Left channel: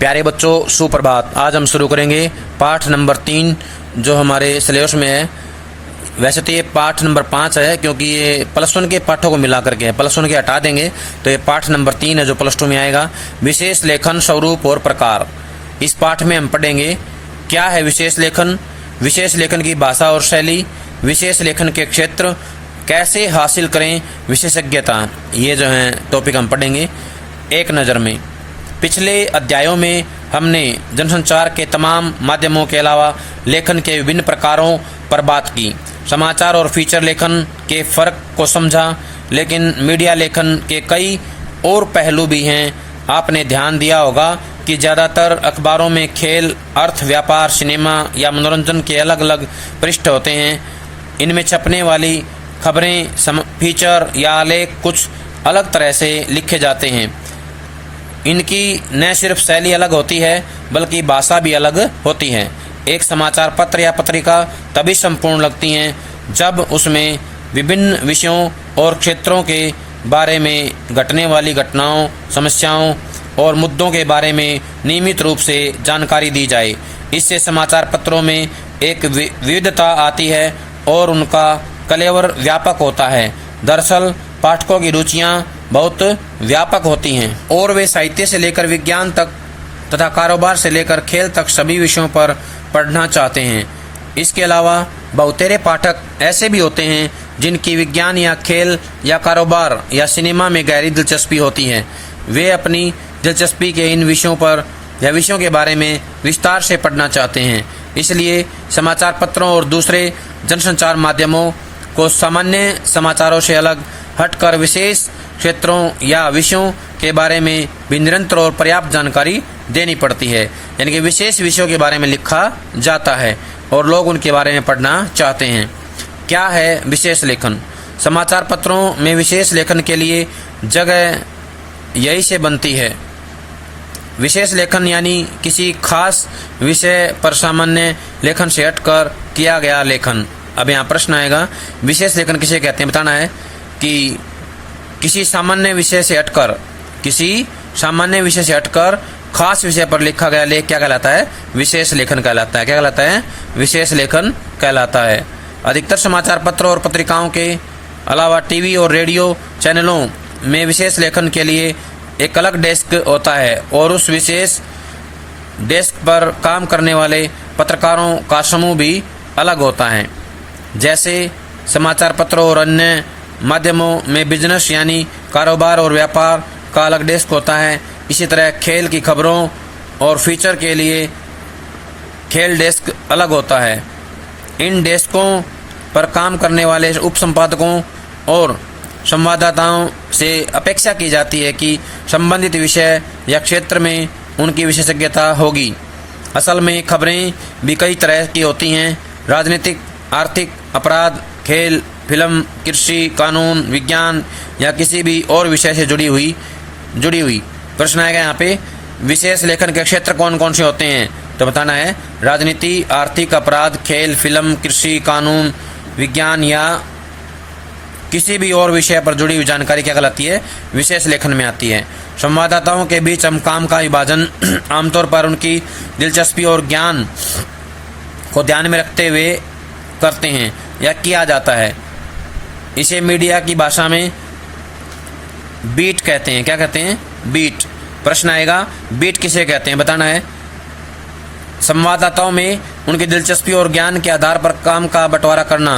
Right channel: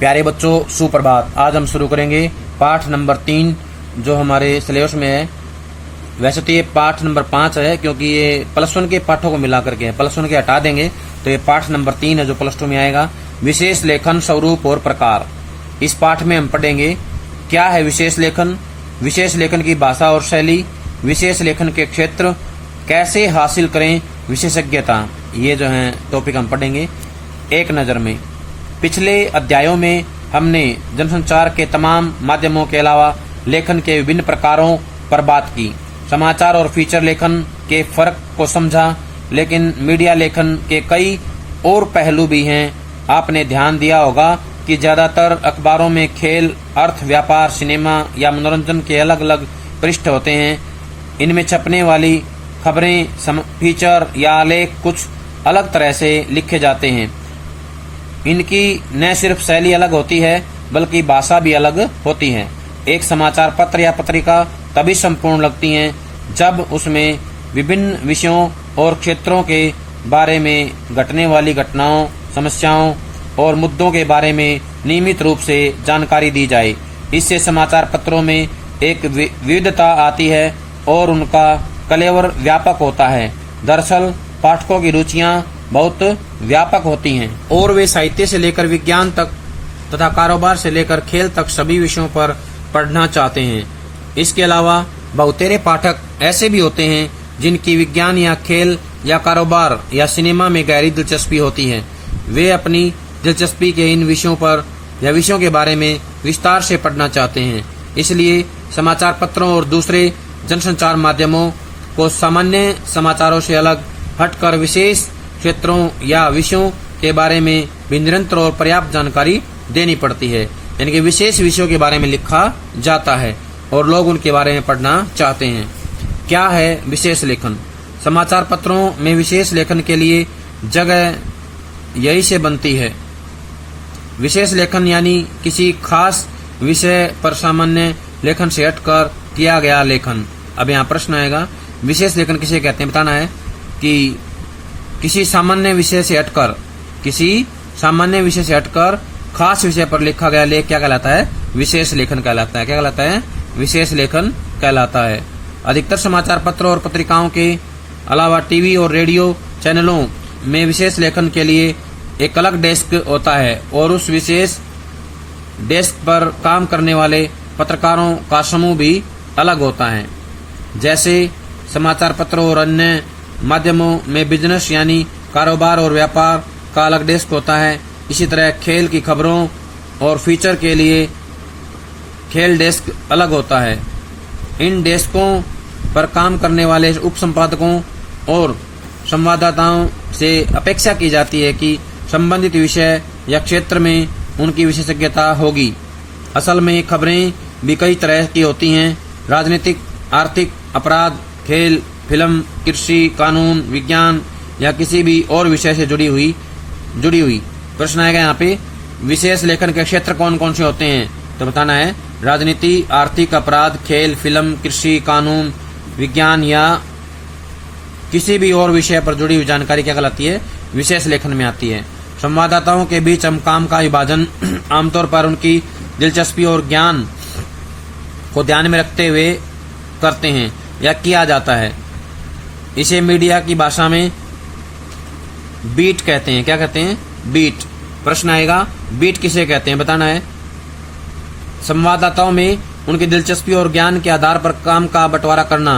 प्यारे बच्चों, सुप्रभात। आज हम शुरू करेंगे पाठ नंबर 3 जो हमारे सिलेबस में है। वैसे तो ये पाठ नंबर 5 है क्योंकि ये प्लस 1 के पाठों को मिला करके है। प्लस 1 के हटा देंगे तो ये पाठ नंबर 3 है जो प्लस 2 में आएगा। विशेष लेखन, स्वरूप और प्रकार। इस पाठ में हम पढ़ेंगे क्या है विशेष लेखन, विशेष लेखन की भाषा और शैली, विशेष लेखन के क्षेत्र, कैसे हासिल करें विशेषज्ञता। ये जो है टॉपिक हम पढ़ेंगे एक नज़र में। पिछले अध्यायों में हमने जनसंचार के तमाम माध्यमों के अलावा लेखन के विभिन्न प्रकारों पर बात की। समाचार और फीचर लेखन के फर्क को समझा, लेकिन मीडिया लेखन के कई और पहलू भी हैं। आपने ध्यान दिया होगा कि ज़्यादातर अखबारों में खेल, अर्थ, व्यापार, सिनेमा या मनोरंजन के अलग अलग पृष्ठ होते हैं। इनमें छपने वाली खबरें, फीचर या आलेख कुछ अलग तरह से लिखे जाते हैं। इनकी न सिर्फ शैली अलग होती है बल्कि भाषा भी अलग होती है। एक समाचार पत्र या पत्रिका तभी संपूर्ण लगती है जब उसमें विभिन्न विषयों और क्षेत्रों के बारे में घटने वाली घटनाओं, समस्याओं और मुद्दों के बारे में नियमित रूप से जानकारी दी जाए। इससे समाचार पत्रों में एक विविधता आती है और उनका कलेवर व्यापक होता है। दरअसल पाठकों की रुचियां बहुत व्यापक होती हैं और वे साहित्य से लेकर विज्ञान तक तथा कारोबार से लेकर खेल तक सभी विषयों पर पढ़ना चाहते हैं। इसके अलावा बहुतेरे पाठक ऐसे भी होते हैं जिनकी विज्ञान या खेल या कारोबार या सिनेमा में गहरी दिलचस्पी होती है। वे अपनी दिलचस्पी के इन विषयों पर या विषयों के बारे में विस्तार से पढ़ना चाहते हैं। इसलिए समाचार पत्रों और दूसरे जनसंचार माध्यमों को सामान्य समाचारों से अलग हटकर विशेष क्षेत्रों या विषयों के बारे में भी निरंतर और पर्याप्त जानकारी देनी पड़ती है। यानी कि विशेष विषयों के बारे में लिखा जाता है और लोग उनके बारे में पढ़ना चाहते हैं। क्या है विशेष लेखन? समाचार पत्रों में विशेष लेखन के लिए जगह यही से बनती है। विशेष लेखन यानी किसी खास विषय पर सामान्य लेखन से हटकर किया गया लेखन। अब यहाँ प्रश्न आएगा, विशेष लेखन किसे कहते हैं? बताना है कि किसी सामान्य विषय से हटकर खास विषय पर लिखा गया लेख क्या कहलाता है? विशेष लेखन कहलाता है। क्या कहलाता है? विशेष लेखन कहलाता है। अधिकतर समाचार पत्रों और पत्रिकाओं के अलावा टीवी और रेडियो चैनलों में विशेष लेखन के लिए एक अलग डेस्क होता है और उस विशेष डेस्क पर काम करने वाले पत्रकारों का समूह भी अलग होता है। जैसे समाचार पत्रों और अन्य माध्यमों में बिजनेस यानी कारोबार और व्यापार का अलग डेस्क होता है, इसी तरह खेल की खबरों और फीचर के लिए खेल डेस्क अलग होता है। इन डेस्कों पर काम करने वाले उप संपादकों और संवाददाताओं से अपेक्षा की जाती है कि संबंधित विषय या क्षेत्र में उनकी विशेषज्ञता होगी। असल में खबरें भी कई तरह की होती हैं। राजनीतिक, आर्थिक, अपराध, खेल, फिल्म, कृषि, कानून, विज्ञान या किसी भी और विषय से जुड़ी हुई। प्रश्न आएगा यहाँ पे, विशेष लेखन के क्षेत्र कौन कौन से होते हैं? तो बताना है राजनीति, आर्थिक, अपराध, खेल, फिल्म, कृषि, कानून, विज्ञान या किसी भी और विषय पर जुड़ी हुई जानकारी क्या कहलाती है? विशेष लेखन में आती है। संवाददाताओं के बीच हम काम का विभाजन आमतौर पर उनकी दिलचस्पी और ज्ञान को ध्यान में रखते हुए करते हैं या किया जाता है। इसे मीडिया की भाषा में बीट कहते हैं। क्या कहते हैं? बीट। प्रश्न आएगा, बीट किसे कहते हैं? बताना है। संवाददाताओं में उनकी दिलचस्पी और ज्ञान के आधार पर काम का बंटवारा करना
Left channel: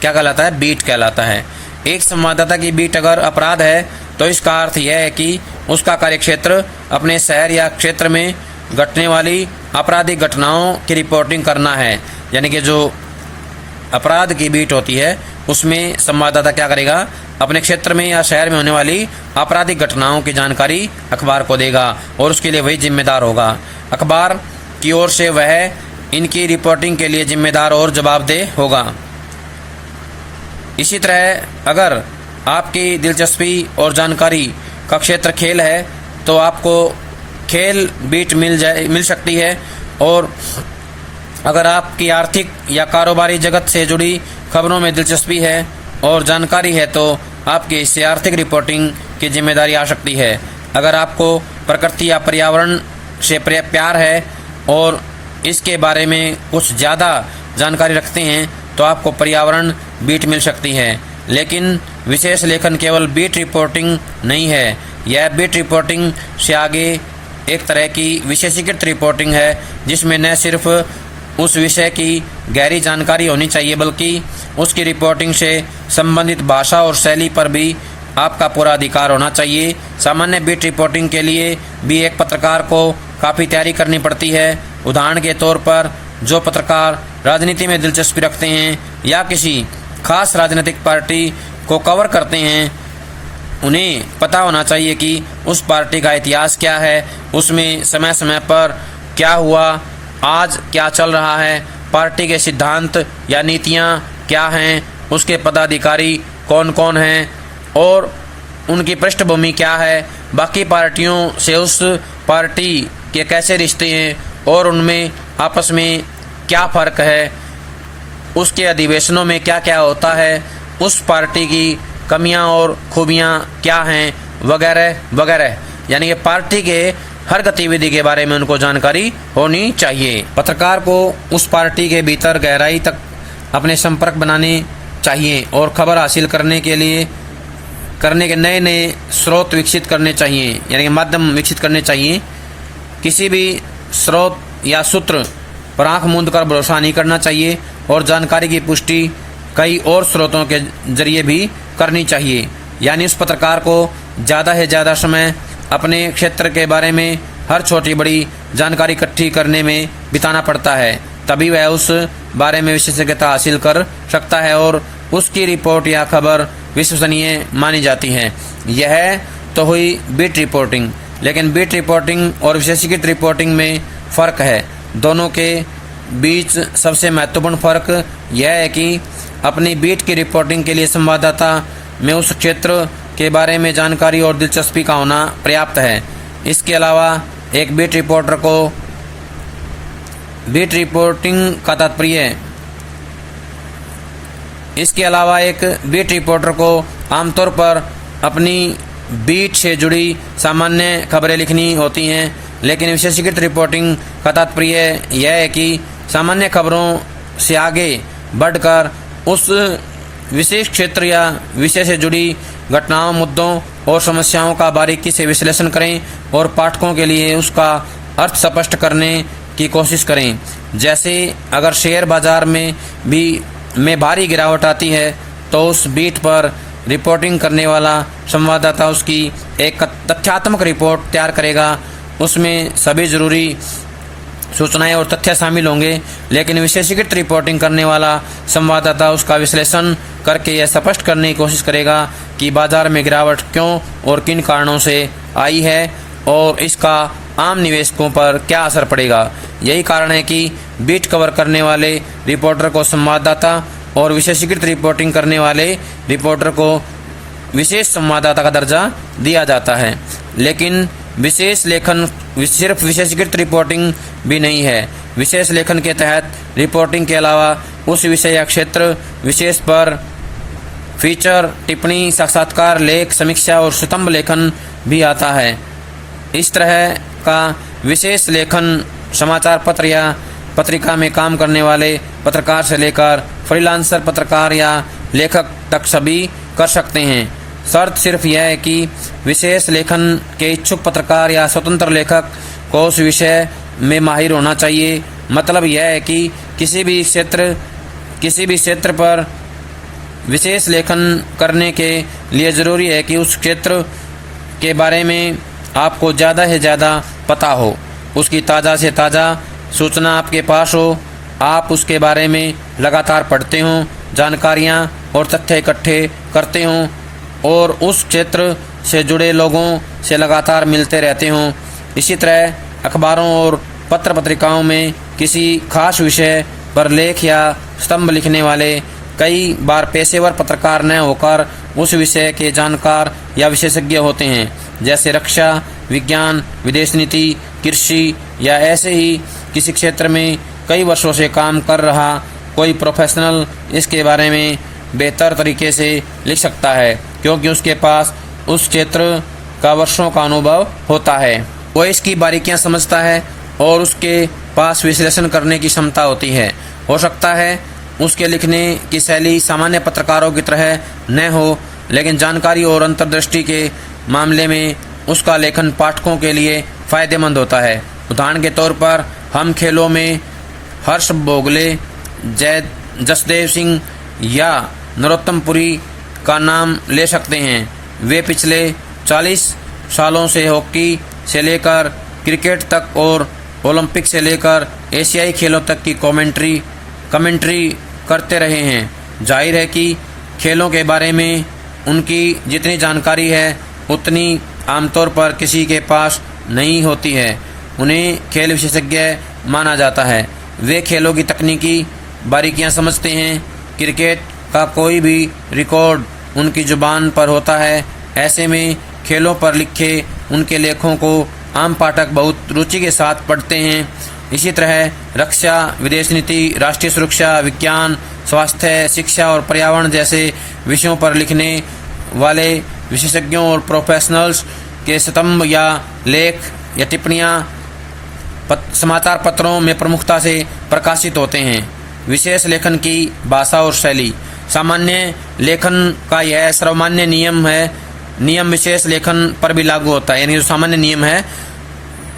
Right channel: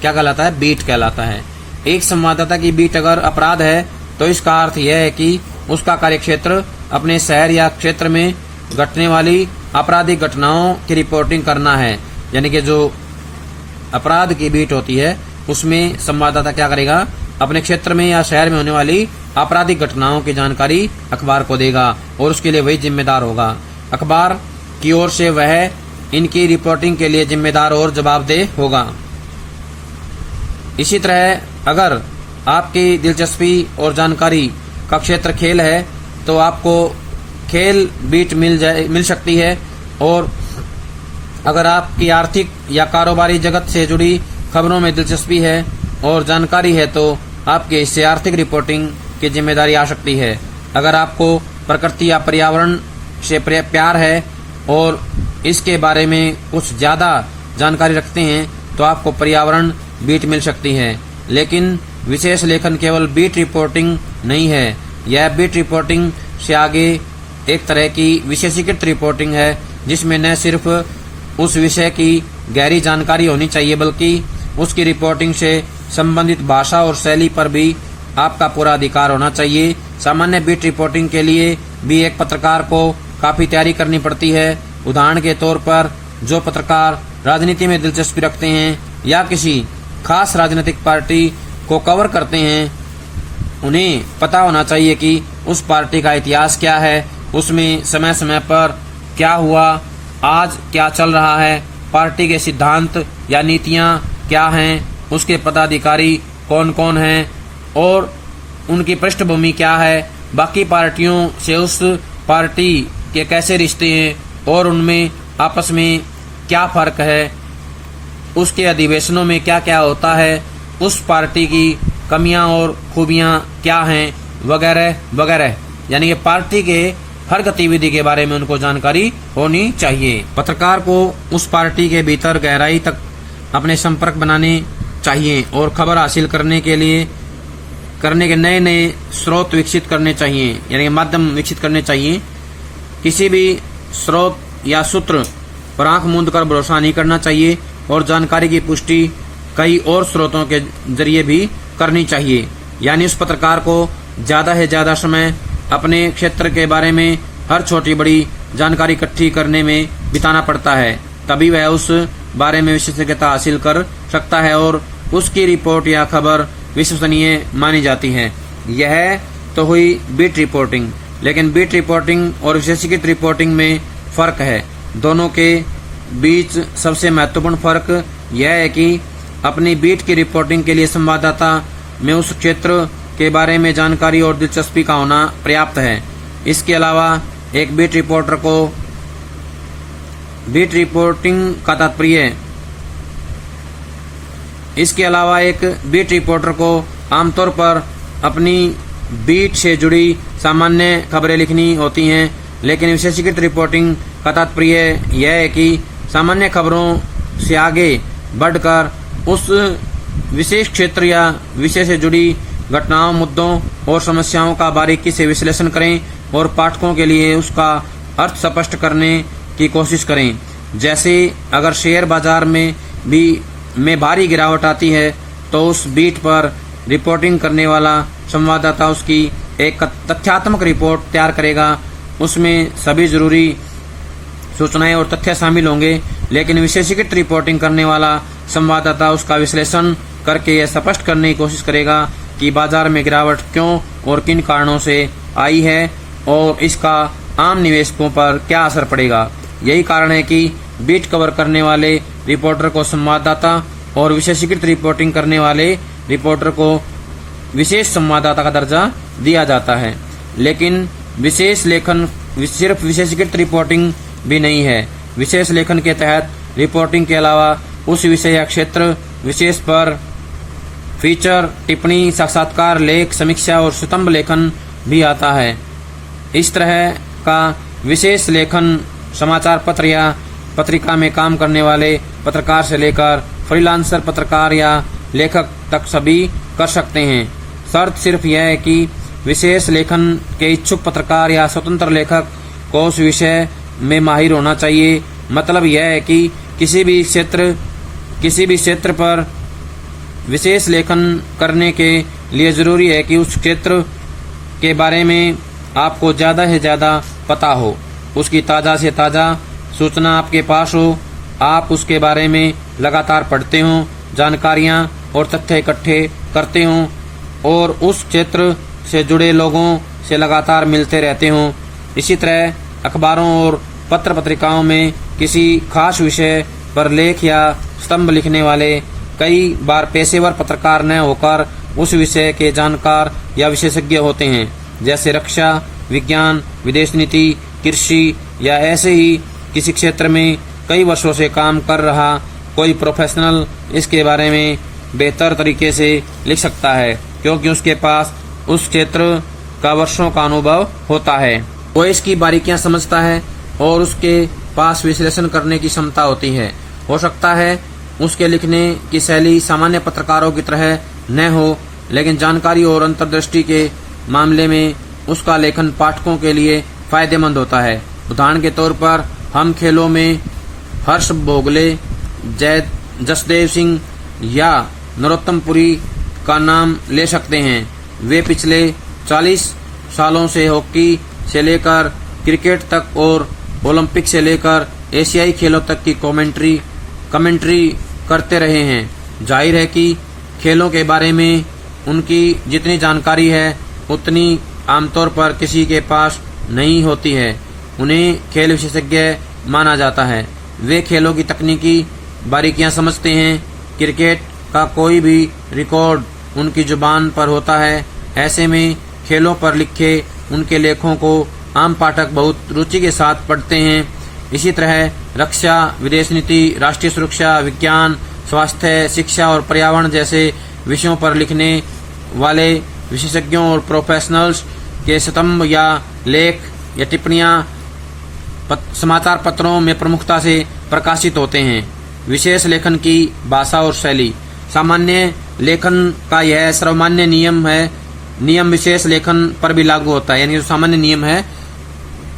क्या कहलाता है? बीट कहलाता है। एक संवाददाता की बीट अगर अपराध है तो इसका अर्थ यह है कि उसका कार्यक्षेत्र अपने शहर या क्षेत्र में घटने वाली आपराधिक घटनाओं की रिपोर्टिंग करना है। यानी कि जो अपराध की बीट होती है उसमें संवाददाता क्या करेगा? अपने क्षेत्र में या शहर में होने वाली आपराधिक घटनाओं की जानकारी अखबार को देगा और उसके लिए वही जिम्मेदार होगा। अखबार की ओर से वह इनकी रिपोर्टिंग के लिए जिम्मेदार और जवाबदेह होगा। इसी तरह अगर आपकी दिलचस्पी और जानकारी का क्षेत्र खेल है तो आपको खेल बीट मिल सकती है, और अगर आपकी आर्थिक या कारोबारी जगत से जुड़ी खबरों में दिलचस्पी है और जानकारी है तो आपके इससे आर्थिक रिपोर्टिंग की जिम्मेदारी आ सकती है। अगर आपको प्रकृति या पर्यावरण से प्यार है और इसके बारे में कुछ ज़्यादा जानकारी रखते हैं तो आपको पर्यावरण बीट मिल सकती है। लेकिन विशेष लेखन केवल बीट रिपोर्टिंग नहीं है, यह बीट रिपोर्टिंग से आगे एक तरह की विशेषीकृत रिपोर्टिंग है, जिसमें न सिर्फ उस विषय की गहरी जानकारी होनी चाहिए बल्कि उसकी रिपोर्टिंग से संबंधित भाषा और शैली पर भी आपका पूरा अधिकार होना चाहिए। सामान्य बीट रिपोर्टिंग के लिए भी एक पत्रकार को काफ़ी तैयारी करनी पड़ती है। उदाहरण के तौर पर जो पत्रकार राजनीति में दिलचस्पी रखते हैं या किसी खास राजनीतिक पार्टी को कवर करते हैं, उन्हें पता होना चाहिए कि उस पार्टी का इतिहास क्या है, उसमें समय समय पर क्या हुआ, आज क्या चल रहा है, पार्टी के सिद्धांत या नीतियाँ क्या हैं, उसके पदाधिकारी कौन कौन हैं और उनकी पृष्ठभूमि क्या है, बाकी पार्टियों से उस पार्टी के कैसे रिश्ते हैं और उनमें आपस में क्या फ़र्क है, उसके अधिवेशनों में क्या क्या होता है, उस पार्टी की कमियां और खूबियां क्या हैं, वगैरह वगैरह। यानी ये पार्टी के हर गतिविधि के बारे में उनको जानकारी होनी चाहिए। पत्रकार को उस पार्टी के भीतर गहराई तक अपने संपर्क बनाने चाहिए और खबर हासिल करने के नए नए स्रोत विकसित करने चाहिए, यानी माध्यम विकसित करने चाहिए। किसी भी स्रोत या सूत्र पर आंख मूंद कर भरोसा नहीं करना चाहिए और जानकारी की पुष्टि कई और स्रोतों के जरिए भी करनी चाहिए। यानी उस पत्रकार को ज़्यादा से ज़्यादा समय अपने क्षेत्र के बारे में हर छोटी बड़ी जानकारी इकट्ठी करने में बिताना पड़ता है, तभी वह उस बारे में विशेषज्ञता हासिल कर सकता है और उसकी रिपोर्ट या खबर विश्वसनीय मानी जाती है। यह तो हुई बीट रिपोर्टिंग, लेकिन बीट रिपोर्टिंग और विशेषीकृत रिपोर्टिंग में फ़र्क है। दोनों के बीच सबसे महत्वपूर्ण फ़र्क यह है कि अपनी बीट की रिपोर्टिंग के लिए संवाददाता में उस क्षेत्र के बारे में जानकारी और दिलचस्पी का होना पर्याप्त है। इसके अलावा एक बीट रिपोर्टर को बीट रिपोर्टिंग का तात्पर्य इसके अलावा एक बीट रिपोर्टर को आमतौर पर अपनी बीट से जुड़ी सामान्य खबरें लिखनी होती हैं, लेकिन विशेषीकृत रिपोर्टिंग का तात्पर्य यह है कि सामान्य खबरों से आगे बढ़कर उस विशेष क्षेत्र या विषय से जुड़ी घटनाओं, मुद्दों और समस्याओं का बारीकी से विश्लेषण करें और पाठकों के लिए उसका अर्थ स्पष्ट करने की कोशिश करें। जैसे अगर शेयर बाजार में भारी गिरावट आती है तो उस बीट पर रिपोर्टिंग करने वाला संवाददाता उसकी एक तथ्यात्मक रिपोर्ट तैयार करेगा। उसमें सभी ज़रूरी सूचनाएं और तथ्य शामिल होंगे, लेकिन विशेषीकृत रिपोर्टिंग करने वाला संवाददाता उसका विश्लेषण करके यह स्पष्ट करने की कोशिश करेगा कि बाजार में गिरावट क्यों और किन कारणों से आई है और इसका आम निवेशकों पर क्या असर पड़ेगा। यही कारण है कि बीट कवर करने वाले रिपोर्टर को संवाददाता और विशेषीकृत रिपोर्टिंग करने वाले रिपोर्टर को विशेष संवाददाता का दर्जा दिया जाता है। लेकिन विशेष लेखन सिर्फ विशेषीकृत रिपोर्टिंग भी नहीं है। विशेष लेखन के तहत रिपोर्टिंग के अलावा उस विषय या क्षेत्र विशेष पर फीचर, टिप्पणी, साक्षात्कार, लेख, समीक्षा और स्तंभ लेखन भी आता है। इस तरह का विशेष लेखन समाचार पत्र या पत्रिका में काम करने वाले पत्रकार से लेकर फ्रीलांसर पत्रकार या लेखक तक सभी कर सकते हैं। शर्त सिर्फ यह है कि विशेष लेखन के इच्छुक पत्रकार या स्वतंत्र लेखक को उस विषय में माहिर होना चाहिए। मतलब यह है कि किसी भी क्षेत्र पर विशेष लेखन करने के लिए ज़रूरी है कि उस क्षेत्र के बारे में आपको ज़्यादा से ज़्यादा पता हो, उसकी ताज़ा से ताज़ा सूचना आपके पास हो, आप उसके बारे में लगातार पढ़ते हों, जानकारियाँ और तथ्य इकट्ठे करते हों और उस क्षेत्र से जुड़े लोगों से लगातार मिलते रहते हों। इसी तरह अखबारों और पत्र पत्रिकाओं में किसी खास विषय पर लेख या स्तंभ लिखने वाले कई बार पेशेवर पत्रकार न होकर उस विषय के जानकार या विशेषज्ञ होते हैं, जैसे रक्षा, विज्ञान, विदेश नीति, कृषि या ऐसे ही किसी क्षेत्र में कई वर्षों से काम कर रहा कोई प्रोफेशनल इसके बारे में बेहतर तरीके से लिख सकता है, क्योंकि उसके पास उस क्षेत्र का वर्षों का अनुभव होता है। वो इसकी बारीकियां समझता है और उसके पास विश्लेषण करने की क्षमता होती है। हो सकता है उसके लिखने की शैली सामान्य पत्रकारों की तरह न हो, लेकिन जानकारी और अंतर्दृष्टि के मामले में उसका लेखन पाठकों के लिए फायदेमंद होता है। उदाहरण के तौर पर हम खेलों में हर्ष भोगले, जसदेव सिंह या नरोत्तम पुरी का नाम ले सकते हैं। वे पिछले 40 सालों से हॉकी से लेकर क्रिकेट तक और ओलंपिक से लेकर एशियाई खेलों तक की कमेंट्री करते रहे हैं। जाहिर है कि खेलों के बारे में उनकी जितनी जानकारी है उतनी आमतौर पर किसी के पास नहीं होती है। उन्हें खेल विशेषज्ञ माना जाता है। वे खेलों की तकनीकी बारीकियां समझते हैं। क्रिकेट का कोई भी रिकॉर्ड उनकी जुबान पर होता है। ऐसे में खेलों पर लिखे उनके लेखों को आम पाठक बहुत रुचि के साथ पढ़ते हैं। इसी तरह रक्षा, विदेश नीति, राष्ट्रीय सुरक्षा, विज्ञान, स्वास्थ्य, शिक्षा और पर्यावरण जैसे विषयों पर लिखने वाले विशेषज्ञों और प्रोफेशनल्स के स्तंभ या लेख या टिप्पणियां समाचार पत्रों में प्रमुखता से प्रकाशित होते हैं। विशेष लेखन की भाषा और शैली। सामान्य लेखन का यह सर्वमान्य नियम है। नियम विशेष लेखन पर भी लागू होता है, यानी जो सामान्य नियम है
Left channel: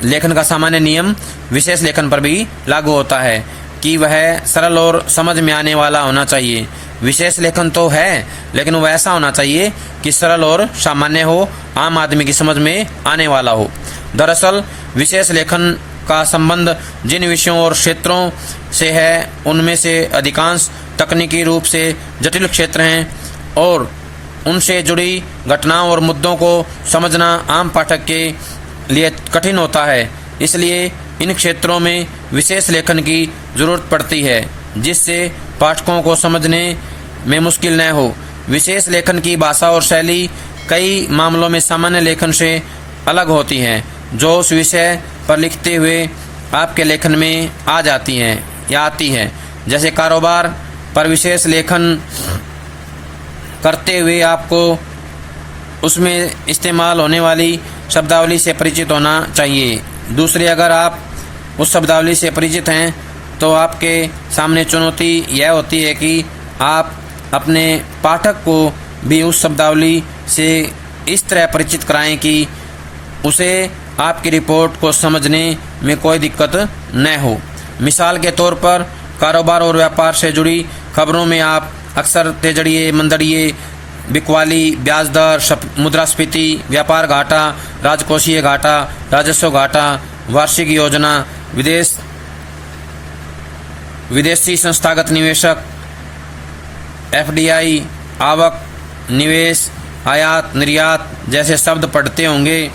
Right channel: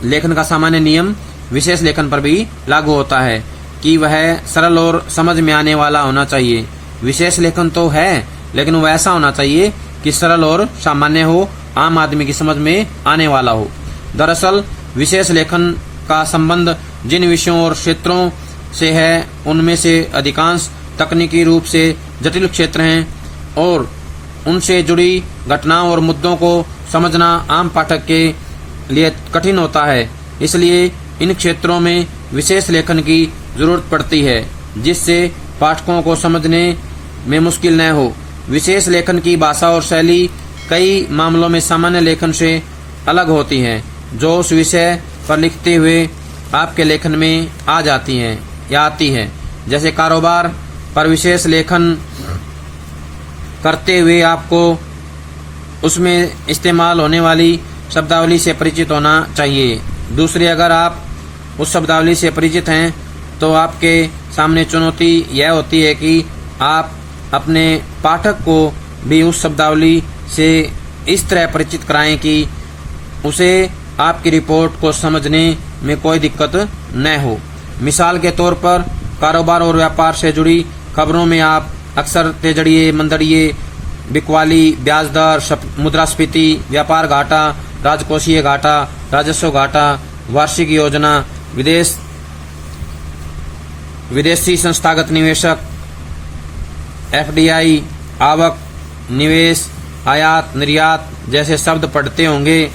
लेखन का, सामान्य नियम विशेष लेखन पर भी लागू होता है कि वह सरल और समझ में आने वाला होना चाहिए। विशेष लेखन तो है, लेकिन वह ऐसा होना चाहिए कि सरल और सामान्य हो, आम आदमी की समझ में आने वाला हो। दरअसल विशेष लेखन का संबंध जिन विषयों और क्षेत्रों से है उनमें से अधिकांश तकनीकी रूप से जटिल क्षेत्र हैं और उनसे जुड़ी घटनाओं और मुद्दों को समझना आम पाठक के लिए कठिन होता है। इसलिए इन क्षेत्रों में विशेष लेखन की जरूरत पड़ती है जिससे पाठकों को समझने में मुश्किल न हो। विशेष लेखन की भाषा और शैली कई मामलों में सामान्य लेखन से अलग होती है, जो उस विषय पर लिखते हुए आपके लेखन में आ जाती हैं या आती है। जैसे कारोबार पर विशेष लेखन करते हुए आपको उसमें इस्तेमाल होने वाली शब्दावली से परिचित होना चाहिए। दूसरी, अगर आप उस शब्दावली से परिचित हैं तो आपके सामने चुनौती यह होती है कि आप अपने पाठक को भी उस शब्दावली से इस तरह परिचित कराएं कि उसे आपकी रिपोर्ट को समझने में कोई दिक्कत न हो। मिसाल के तौर पर कारोबार और व्यापार से जुड़ी खबरों में आप अक्सर तेजड़िए, मंदड़िए, बिकवाली, ब्याज दर, मुद्रास्फीति, व्यापार घाटा, राजकोषीय घाटा, राजस्व घाटा, वार्षिक योजना, विदेशी संस्थागत निवेशक, FDI, आवक, निवेश, आयात, निर्यात जैसे शब्द पढ़ते होंगे।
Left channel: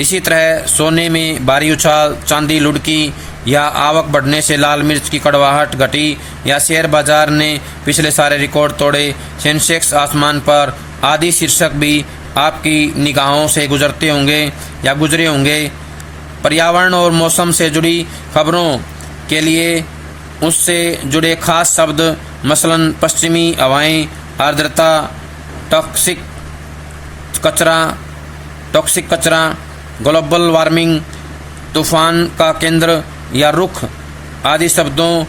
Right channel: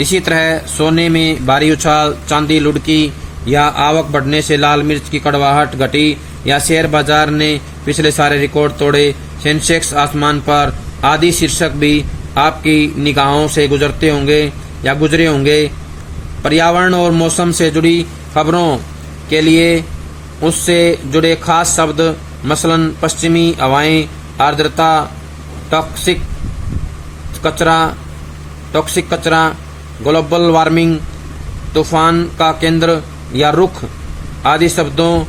इसी तरह सोने में भारी उछाल, चांदी लुढ़की या आवक बढ़ने से लाल मिर्च की कड़वाहट घटी या शेयर बाजार ने पिछले सारे रिकॉर्ड तोड़े, सेंसेक्स आसमान पर आदि शीर्षक भी आपकी निगाहों से गुजरते होंगे या गुजरे होंगे। पर्यावरण और मौसम से जुड़ी खबरों के लिए उससे जुड़े खास शब्द, मसलन पश्चिमी हवाएं, आर्द्रता, टॉक्सिक कचरा, ग्लोबल वार्मिंग, तूफान का केंद्र या रुख आदि शब्दों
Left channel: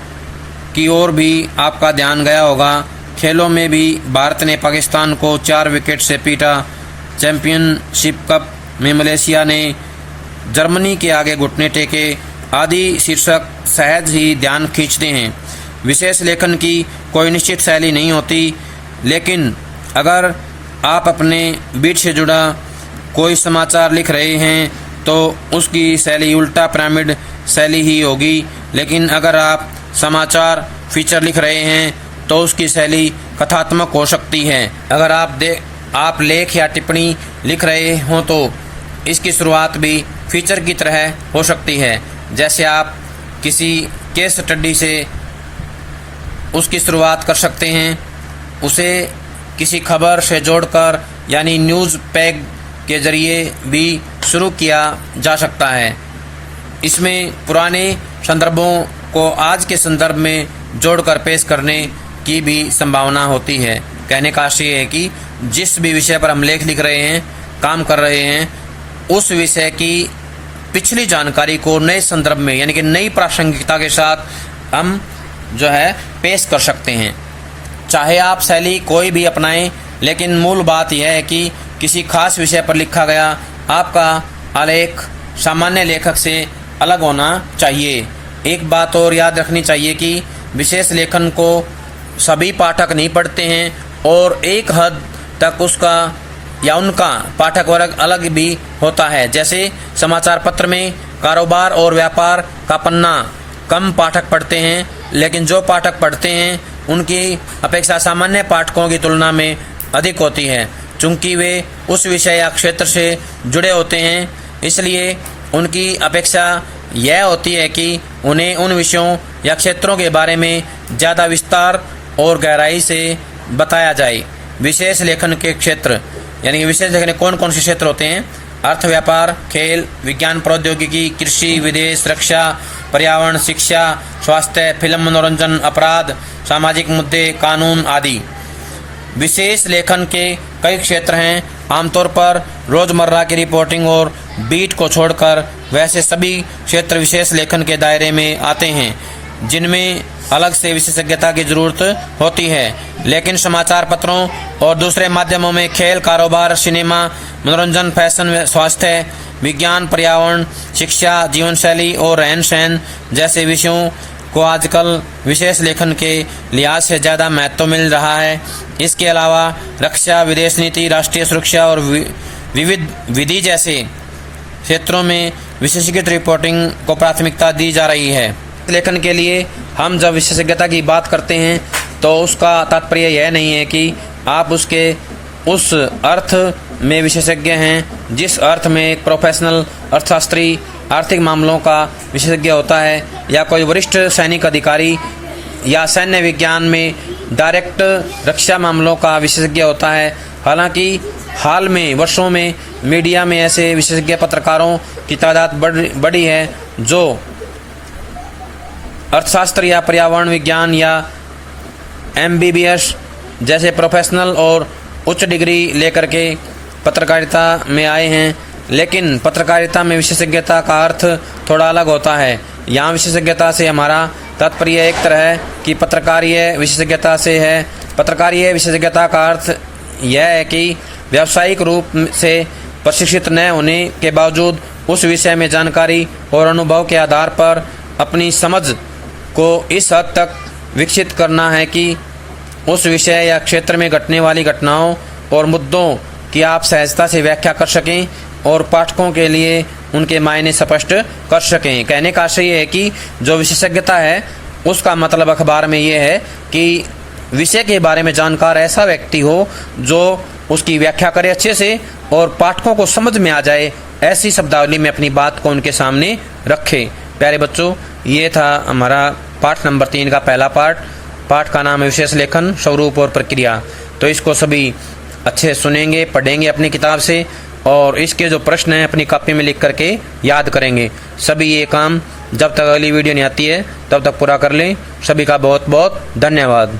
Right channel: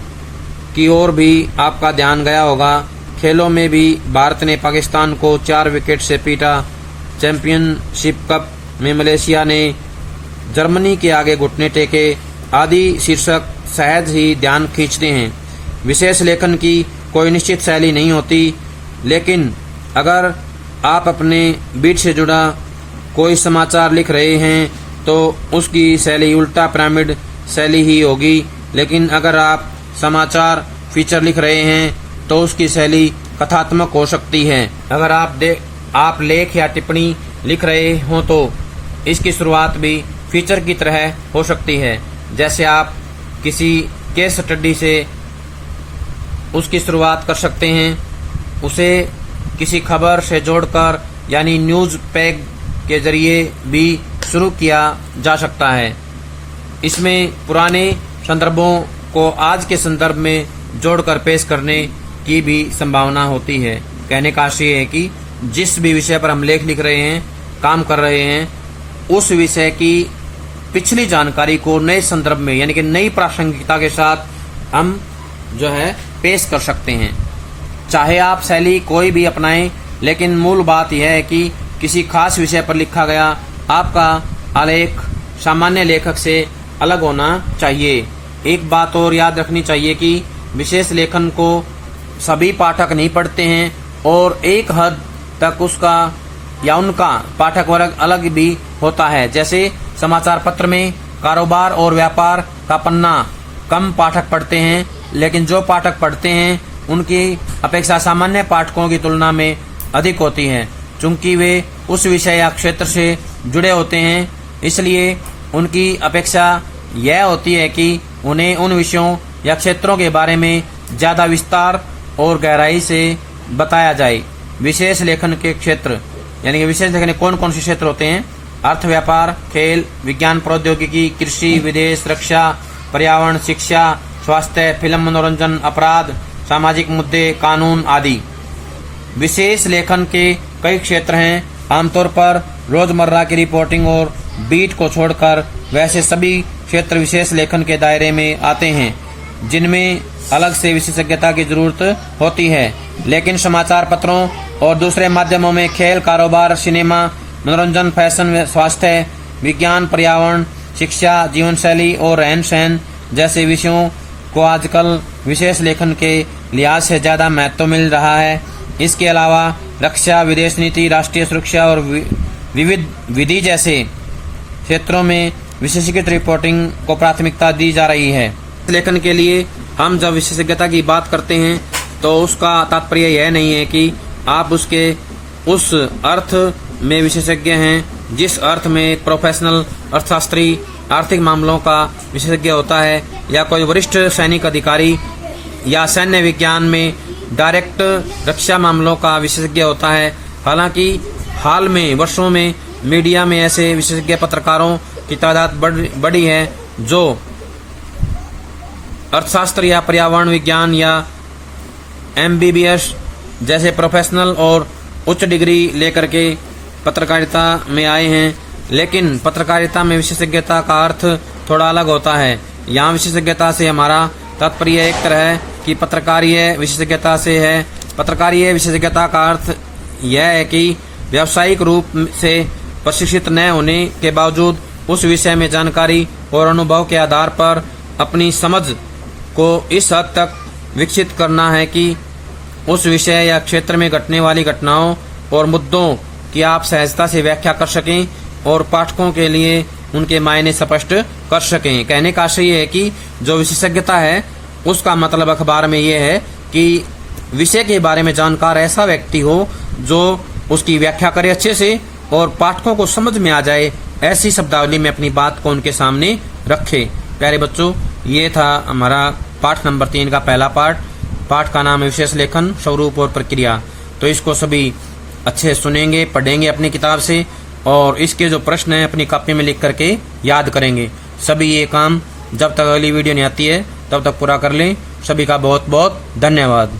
की ओर भी आपका ध्यान गया होगा। खेलों में भी भारत ने पाकिस्तान को 4 विकेट से पीटा। चैंपियनशिप कप में मलेशिया ने जर्मनी के आगे घुटने टेके आदि शीर्षक सहज ही ध्यान खींचते हैं। विशेष लेखन की कोई निश्चित शैली नहीं होती, लेकिन अगर आप अपने बीट से जुड़ा कोई समाचार लिख रहे हैं तो उसकी शैली उल्टा पिरामिड शैली ही होगी। लेकिन अगर आप समाचार फीचर लिख रहे हैं तो उसकी शैली कथात्मक हो सकती है। अगर आप लेख या टिप्पणी लिख रहे हो तो इसकी शुरुआत भी फीचर की तरह हो सकती है। जैसे आप किसी केस स्टडी से उसकी शुरुआत कर सकते हैं, उसे किसी खबर से जोड़कर यानी न्यूज़ पैग के जरिए भी शुरू किया जा सकता है। इसमें पुराने संदर्भों को आज के संदर्भ में जोड़कर पेश करने की भी संभावना होती है। कहने का आशय है कि जिस भी विषय पर हम लेख लिख रहे हैं, काम कर रहे हैं, उस विषय की पिछली जानकारी को नए संदर्भ में यानी कि नई प्रासंगिकता के साथ हम जो है पेश कर सकते हैं। चाहे आप शैली कोई भी अपनाएं, लेकिन मूल बात यह है कि किसी खास विषय पर लिखा गया आपका आलेख सामान्य लेखक से अलग होना चाहिए। एक बात और याद रखनी चाहिए कि विशेष लेखन को सभी पाठक नहीं पढ़ते हैं और एक हद तक उसका या उनका पाठक वर्ग अलग भी होता है। जैसे समाचार पत्र में कारोबार और व्यापार का पन्ना कम पाठक पढ़ते हैं, लेकिन जो पाठक पढ़ते हैं उनकी अपेक्षा सामान्य पाठकों की तुलना में अधिक होती है। चूंकि वे उस विषय या क्षेत्र से जुड़े होते हैं, इसलिए उनकी अपेक्षा यह होती है कि उन्हें उन विषयों या क्षेत्रों के बारे में ज़्यादा विस्तार और गहराई से बताया जाए। विशेष लेखन के क्षेत्र यानी कि विशेष लेखन कौन कौन से क्षेत्र होते हैं? अर्थ, व्यापार, खेल, विज्ञान, प्रौद्योगिकी, कृषि, विदेश, रक्षा, पर्यावरण, शिक्षा, स्वास्थ्य, फिल्म, मनोरंजन, अपराध, सामाजिक मुद्दे, कानून आदि। विशेष लेखन के कई क्षेत्र हैं। आमतौर पर रोजमर्रा की रिपोर्टिंग और बीट को छोड़कर वैसे सभी क्षेत्र विशेष लेखन के दायरे में आते हैं, जिनमें अलग से विशेषज्ञता की जरूरत होती है। लेकिन समाचार पत्रों और दूसरे माध्यमों में खेल, कारोबार, सिनेमा, मनोरंजन, फैशन, स्वास्थ्य, विज्ञान, पर्यावरण, शिक्षा, जीवन शैली और रहन सहन जैसे विषयों को आजकल विशेष लेखन के लिहाज से ज़्यादा महत्व मिल रहा है। इसके अलावा रक्षा, विदेश नीति, राष्ट्रीय सुरक्षा और विविध विधि जैसे क्षेत्रों में विशेषज्ञ रिपोर्टिंग को प्राथमिकता दी जा रही है। लेखन के लिए हम जब विशेषज्ञता की बात करते हैं तो उसका तात्पर्य यह नहीं है कि आप उसके उस अर्थ में विशेषज्ञ हैं जिस अर्थ में एक प्रोफेशनल अर्थशास्त्री आर्थिक मामलों का विशेषज्ञ होता है, या कोई वरिष्ठ सैनिक अधिकारी या सैन्य विज्ञान में डायरेक्ट रक्षा मामलों का विशेषज्ञ होता है। हालांकि हाल में वर्षों में मीडिया में ऐसे विशेषज्ञ पत्रकारों की तादाद बढ़ी है जो अर्थशास्त्र या पर्यावरण विज्ञान या MBBS जैसे प्रोफेशनल और उच्च डिग्री लेकर के पत्रकारिता में आए हैं। लेकिन पत्रकारिता में विशेषज्ञता का अर्थ थोड़ा अलग होता है। यहाँ विशेषज्ञता से हमारा तात्पर्य एक तरह है कि पत्रकारीय विशेषज्ञता से है। पत्रकारीय विशेषज्ञता का अर्थ यह है कि व्यावसायिक रूप से प्रशिक्षित न होने के बावजूद उस विषय में जानकारी और अनुभव के आधार पर अपनी समझ को इस हद तक विकसित करना है कि उस विषय या क्षेत्र में घटने वाली घटनाओं और मुद्दों की आप सहजता से व्याख्या कर सकें और पाठकों के लिए उनके मायने स्पष्ट कर सकें। कहने का आशय है कि जो विशेषज्ञता है उसका मतलब अखबार में ये है कि विषय के बारे में जानकार ऐसा व्यक्ति हो जो उसकी व्याख्या करे अच्छे से और पाठकों को समझ में आ जाए, ऐसी शब्दावली में अपनी बात को उनके सामने रखे। प्यारे बच्चों, ये था हमारा पाठ नंबर 3 का पहला पाठ। पाठ का नाम है विशेष लेखन, स्वरूप और प्रक्रिया। तो इसको सभी अच्छे सुनेंगे, पढ़ेंगे अपनी किताब से और इसके जो प्रश्न हैं अपनी कॉपी में लिख करके याद करेंगे। सभी ये काम जब तक अगली वीडियो नहीं आती है तब तक पूरा कर लें। सभी का बहुत बहुत धन्यवाद।